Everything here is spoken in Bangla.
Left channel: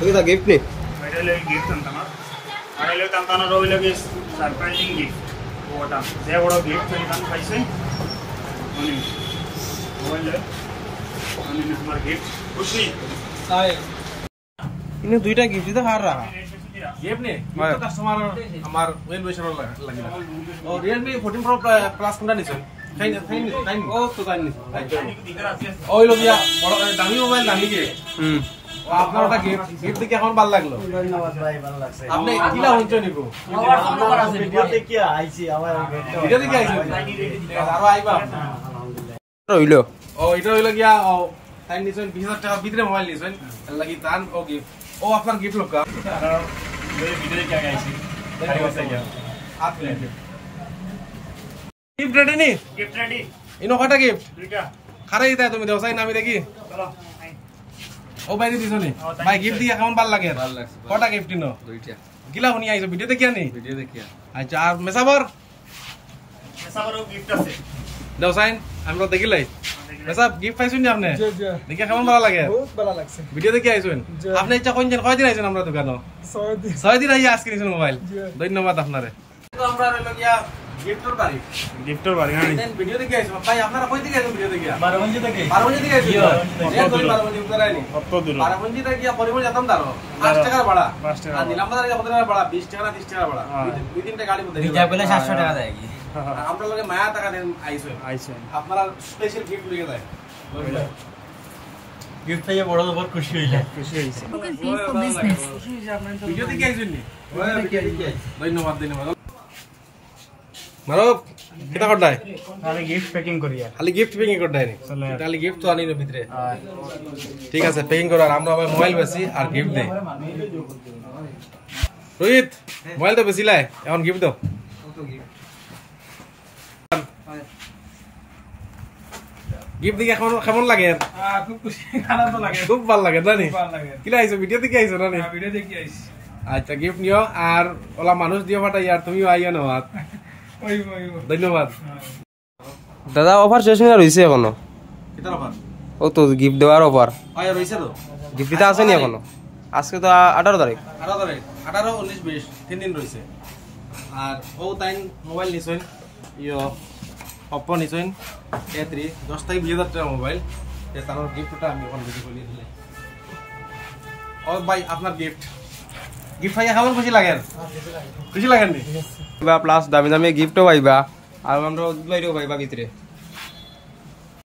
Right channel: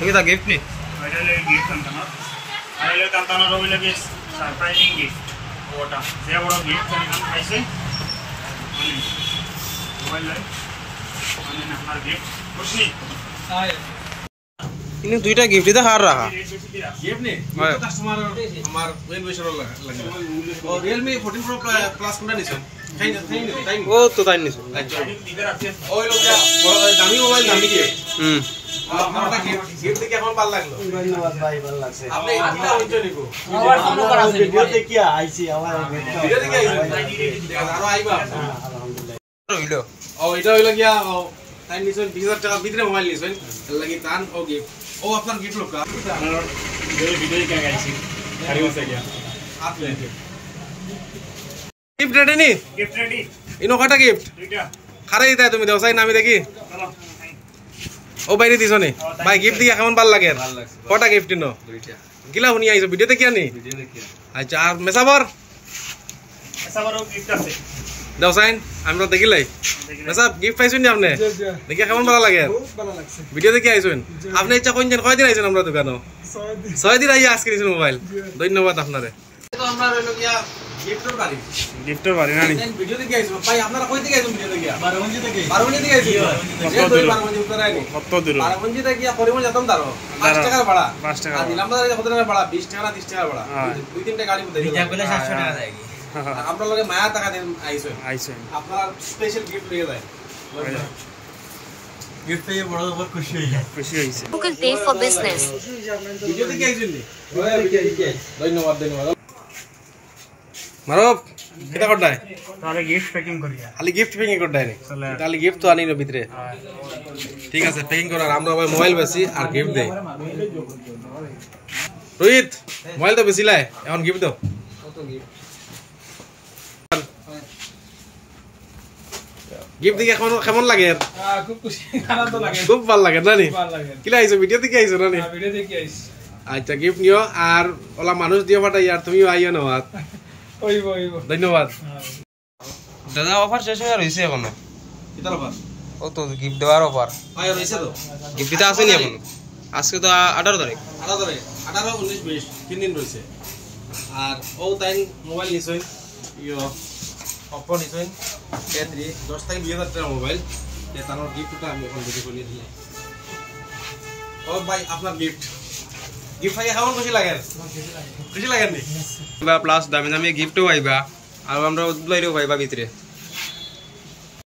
এটা গিফট নি এটা লাগে গিফট আনতাম আর এলে তান্তানা রই লাগে সারপ্রাইজিং গিফট ওটা যে বড় গিফট আনতাম পাইছে মানে মোবাইল মানে আমার গিফট খুশি হাই ইনি দুইটা গিফট দিতে হার রাখা গিফট নে কাস্টমার আমার মেন বিষয় লাগে ও Realme 14 Pro Plus কোনটা নিছেন খাই ও তো তাই নিছো ওই লোকিয়া বড় দামি মোবাইল দামি কি আপনারটা গিফট দেখে এখন ভালো লাগলো ধন্যবাদ ভাই ভালো লাগছে আপনি কিলা হইছে নিবো আমার ফোন করা আছে ভিডিও দেখি আইছি আমার ভিডিও দেখে আইছো আরো আইবা আলহামদুলিল্লাহ হইলো ও এটা হইলো গিয়া তাই নিছেন 20000 টাকা ভিতরে মোবাইল নিছেন লাগি তান ও গিফট ও আপনার গিফট লোকা আর এই ভিডিও দেখে আইছি আর হইছে গিয়া আপনি গিফট রেডি নি গিফট রেডি ইনো কয়টা গিফট দুইটা খারাই তাই তুমি দেও চাই না আমি দেখি চলো ও বাইরে দিছো নি ভাই গিফট দিয়া কেমন ভাল লাগে কয়টা গিফট নো দুইটা কিলা শুনি আইছো ভিডিও দেখি আনি ভিডিও দেখি আচ্ছা আর মেসাবর সবারও গিফট আছে দেও চাইন আমরা দেখিলাই মেসাব গিফট পাইছুন নি আপনি দেখি কেমন ভালো লাগে খুব ভালো লাগছে ভিডিও দেখি আইছুন আপনি ইচ্ছা কোনদিন কয়দিন আইছুন আমরা দোকানো 6 দিন আইয়া আজকে নিছেন মোবাইল ধন্যবাদ আপনারে তো আমরা রইল গিয়া গিফটের বাড়ি না নি ভিডিও দেখি আইছো ভাই আপনারা কই থেকে আইছুন ভিডিও দেখি 12 মঞ্জি থেকে 12 মঞ্জি থেকে আইছো কত দূর? 12 মঞ্জি উত্তর আইনি কত দূর 12 মঞ্জি থেকে গিয়া পরিমল যেতাম দাঁড়ো 5 টাকা ভাড়া 5 টাকা আর নিলাম বাজারে কত টাকা ভাড়া 20 টাকা না 30 টাকা ভাড়া হ্যাঁ। দুই তিনটা গাড়ি মধ্যে বিটা পেলে 700 টাকা দেয় আমরা লগে মায়া টাকা দেন আইছো আইছেন আপনারা স্পেশাল গিফট লিয়ে যায় গিফট পেয়ে বড় বড় খুশি হই যায় খুশি হইছে Google Pay for Business. Video দেখি আইছুন নি ভিডিও দেখি আইছি ধন্যবাদ মারব কিটা করতাই তাহলে গিফট প্যাকিং করিয়া খালি গিফট প্যাকিং করতাই নি খালি গিফট তো আনিনো ভিতরে ঠিক আছে প্যাকিং করার আমরা ভাই মোবাইল বেশি আর গিফট দেই রোহিত মোবাইল তো বেশি লাই এখন গিফট দাও গিফট দিকে এখন কেমন লাগে খুব খুশি আনন্দ লাগে খুব ভালো লাগে না নি ভালো লাগে কিলা আইছো ভিডিও দেখে আইছো না নি ভিডিও দেখি আইছি আচ্ছা গিফট নিও আর ওলা মানুষ দিও পাঠাই আর তুমিও আইও না হাত ওইব ধন্যবাদ দাদা অফার শেষ হয়ে রইছে এখনো কিতার অফার ও তো গিফট দেওয়ার অফার হয় রইছে তো গিফট দিতে আসেনি এখনো আজকে তো 18 তারিখ 18 তারিখ 18 19 20 তিন দিন রইছে আর ও তাইন মোবাইল নিছইন ইয়ো Oppo নিছইন A3 10 থেকে 20000 টাকা মোবাইল তে তার গিফটটা আমি এখন ভিডিও করে দিলে ও ভাই আপনার গিফট গিফট পাইয়া কেমন খুশি লাগে খুশি লাগেন নি প্লাস দামি দামি গিফটও পাইবা আর আমরা উদ্লাইরেও পাইবা ভিতরে